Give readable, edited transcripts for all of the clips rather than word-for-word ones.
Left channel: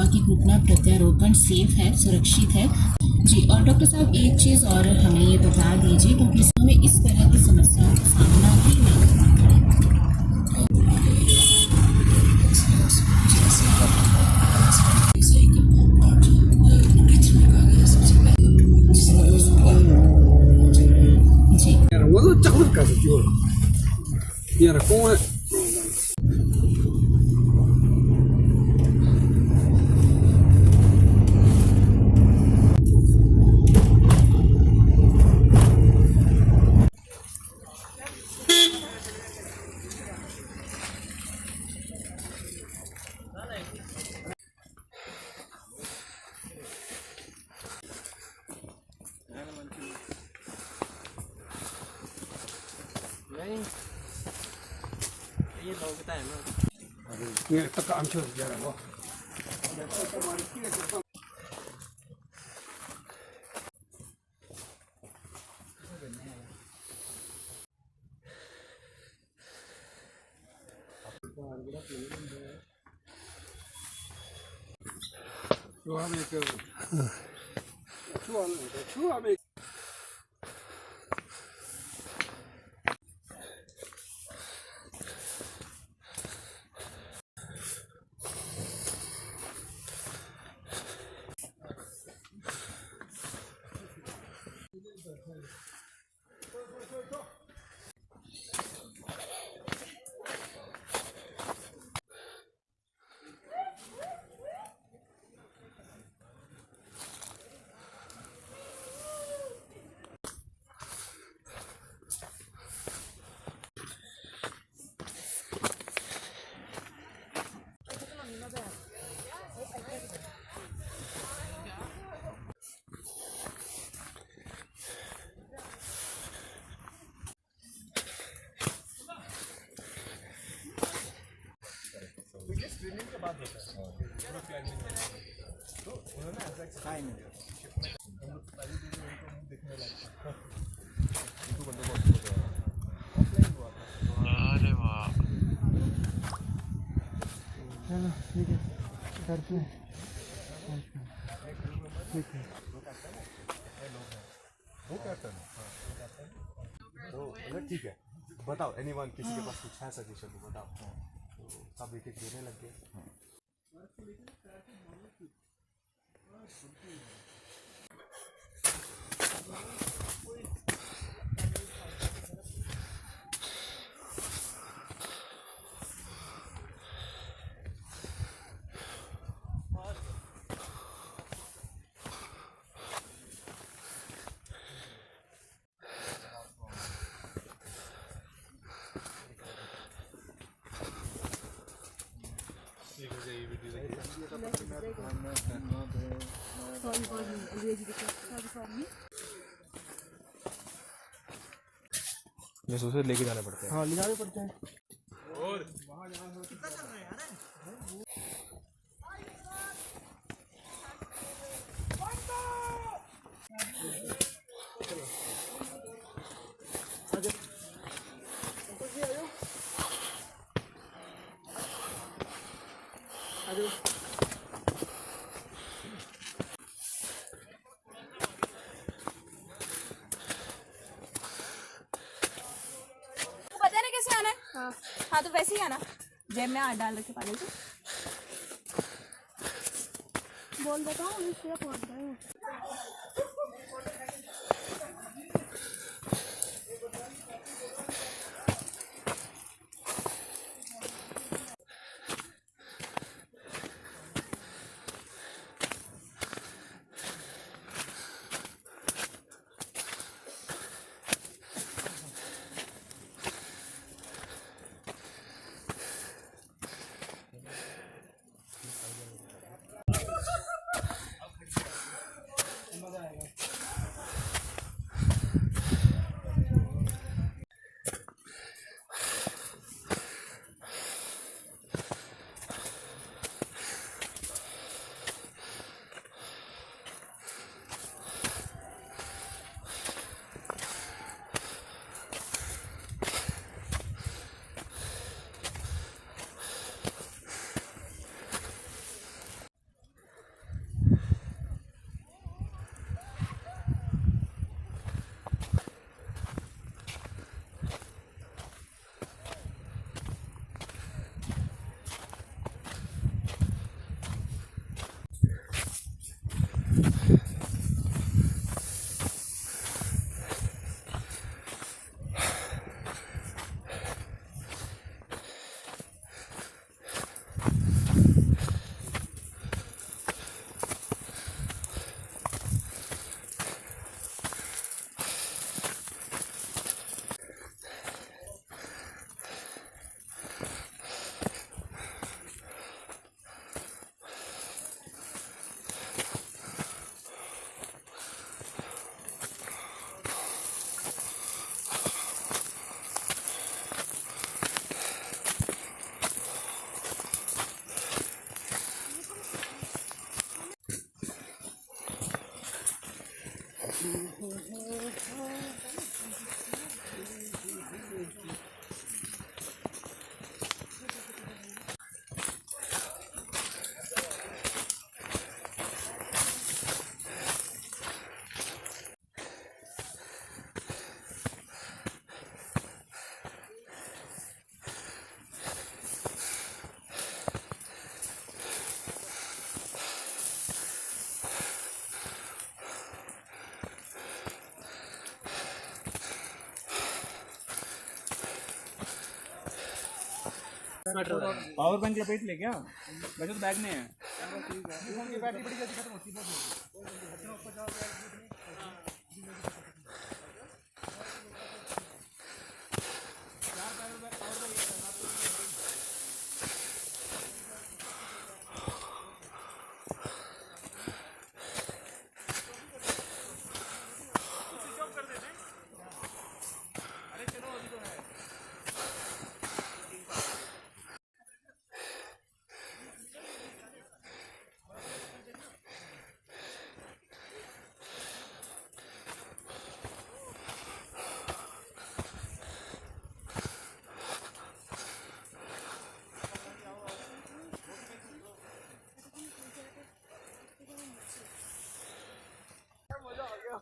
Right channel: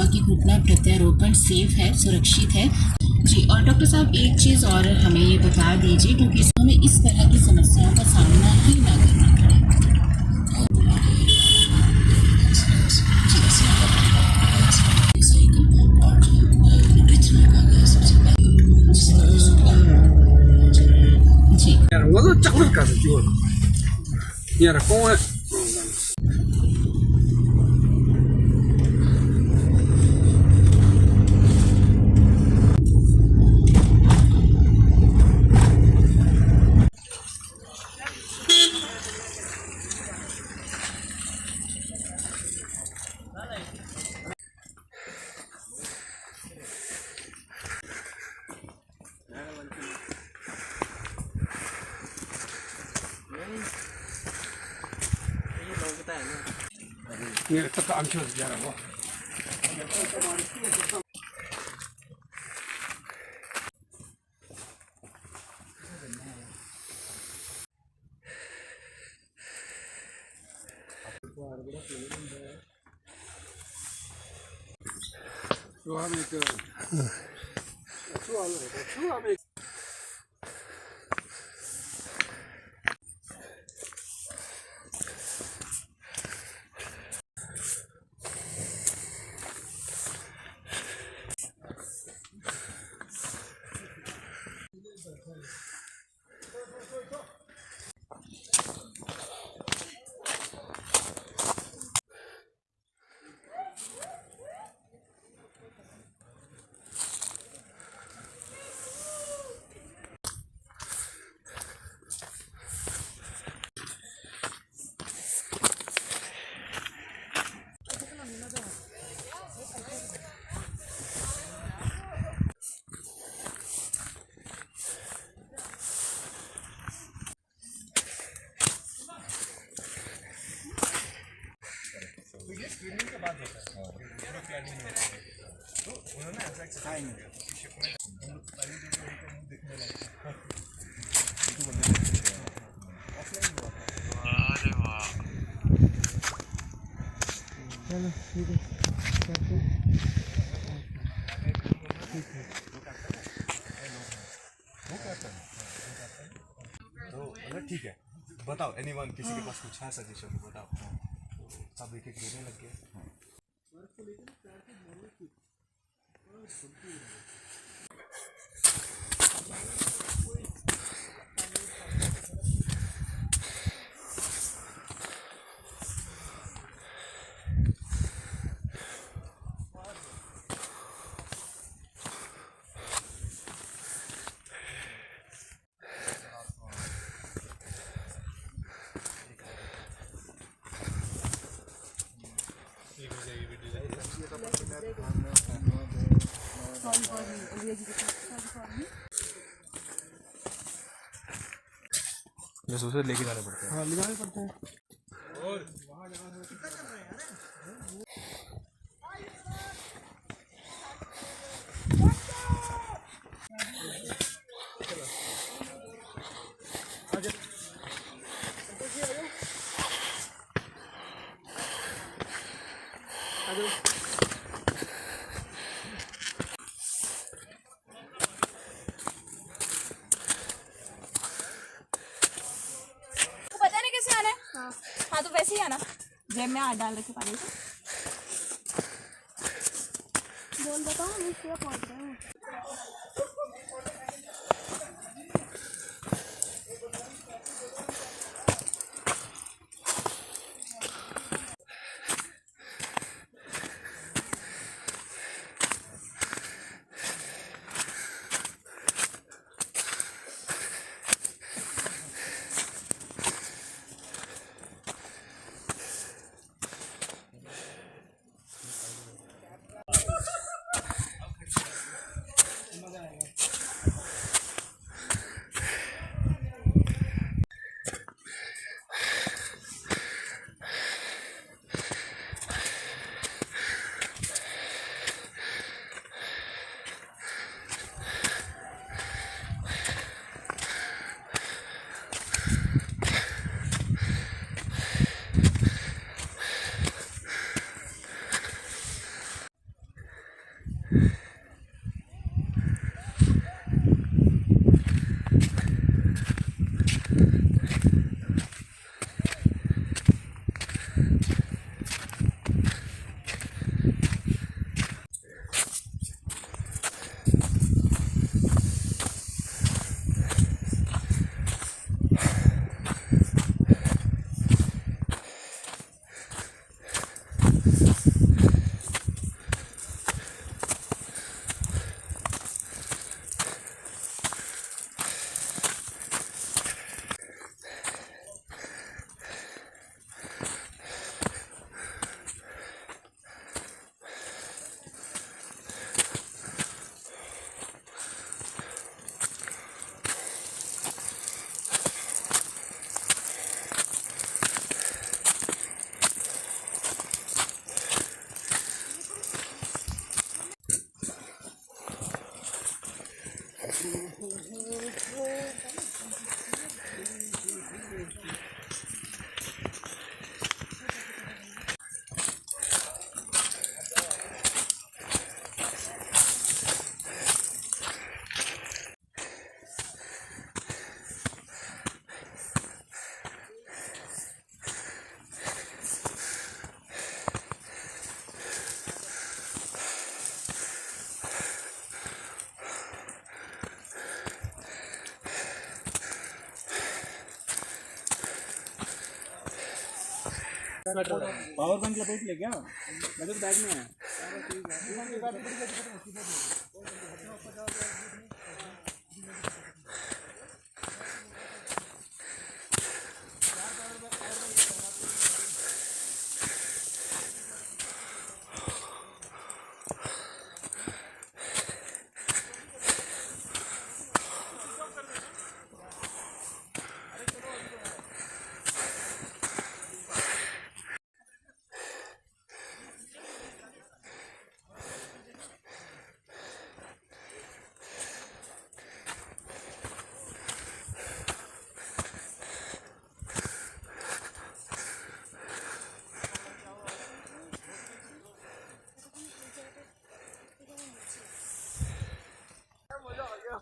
हुआ कि घुटना प्रत्यारोपण सेफ है, सुरक्षित है। जी, और डॉक्टर साहब एक चीज़ और हमें ये बता दीजिए, क्योंकि हमें इस तरह की समस्याओं का सामना ही ना करना पड़े। जी, वो तो चक्कर का जो यार कौन ये तब I'm sure जा रहा हूँ चलो ठीक है करते हैं ठीक है वो करता है वो मतलब ठीक है बताओ एनीवन किसी के पास कुछ है सजेशन तो बताओ सब एक एक देने लग गए जैसे उसे लेके जाने पड़ते हैं हाँ ले जाने पड़ते हैं पता नहीं कैसे आना है। हाँ तो वैसे ही आना, जेब में हाथ डाल रखे पागल से। बोल देता हूँ अभी क्या पहुँच रहा है। पावर बैंक लपेट ले क्या बचत बैग में है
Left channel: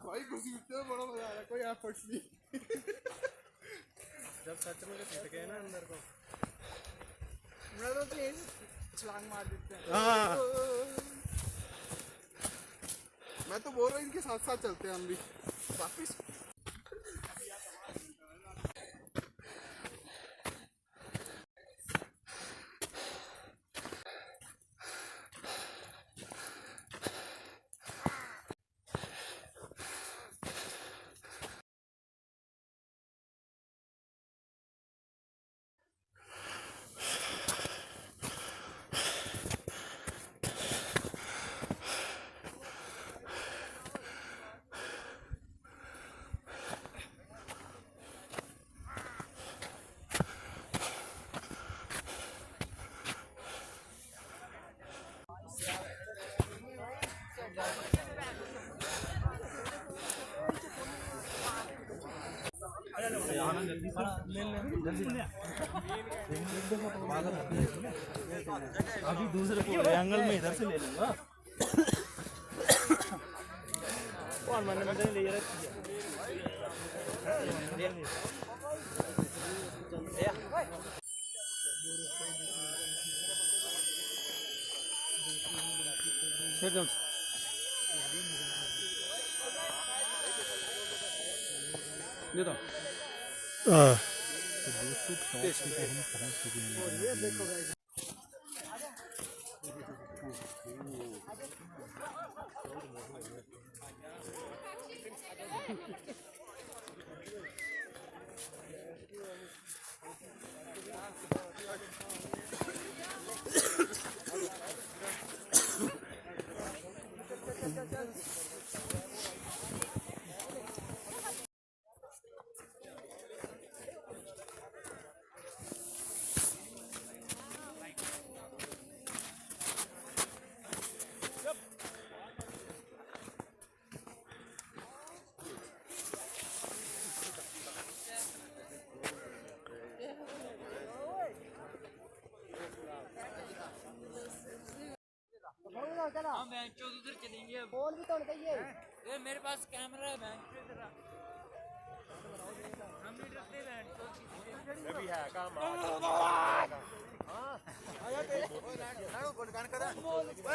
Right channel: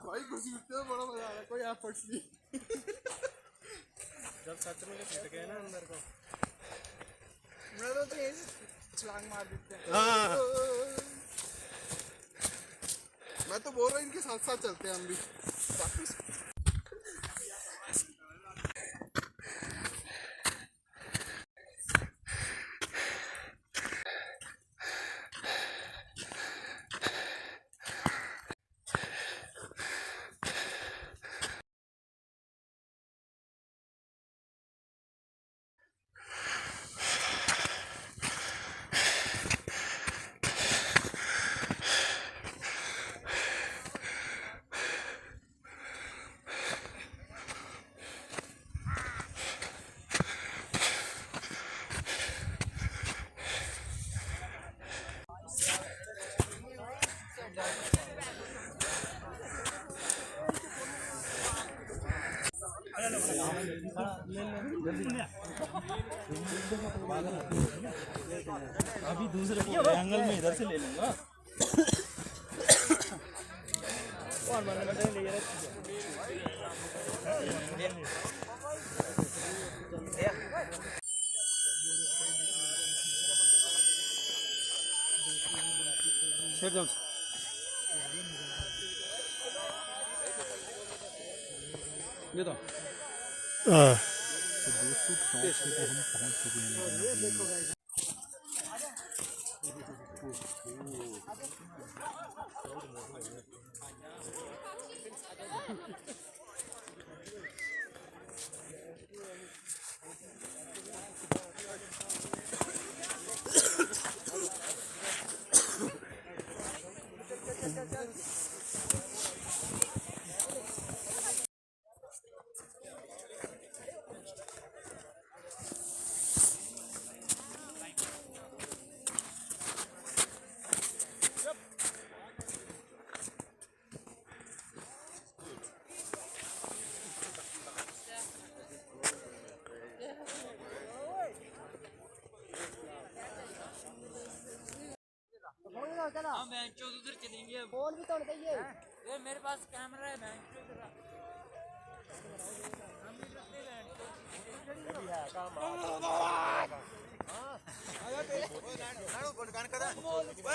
भाई खुशी उठते बड़ा मजा आया कोई एफर्ट्स नहीं जब सच में फिट गए ना अंदर को मैं तो छलांग मार देते हैं मैं तो बोल रहा हूँ इनके साथ साथ चलते हैं हम भी वापिस अभी दूसरे एंगल में इधर से ले लूंगा ये तो दोस्तों हम पहुंच चुके हैं फोन भी तो चाहिए यार मेरे पास कैमरा है बैंक हम भी रखते हैं अभी है काम आया ते ना दुकान करा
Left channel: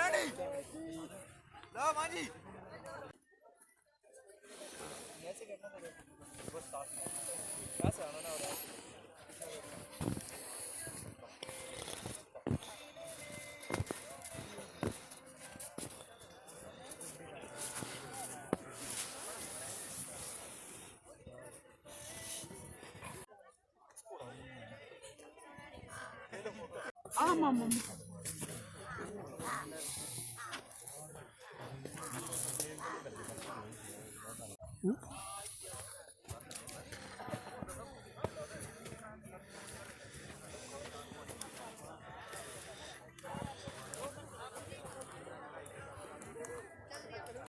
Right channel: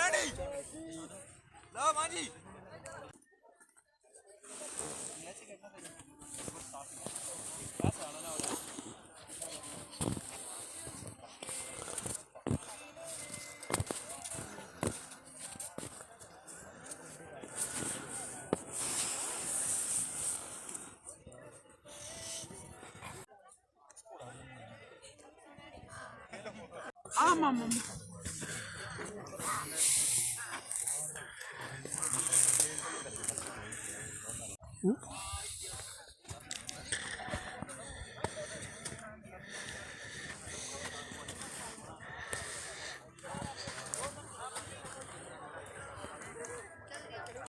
नहीं ला मानी ऐसे करना पड़ेगा बस पास आना ना होगा ஆமாம் ஆமாம்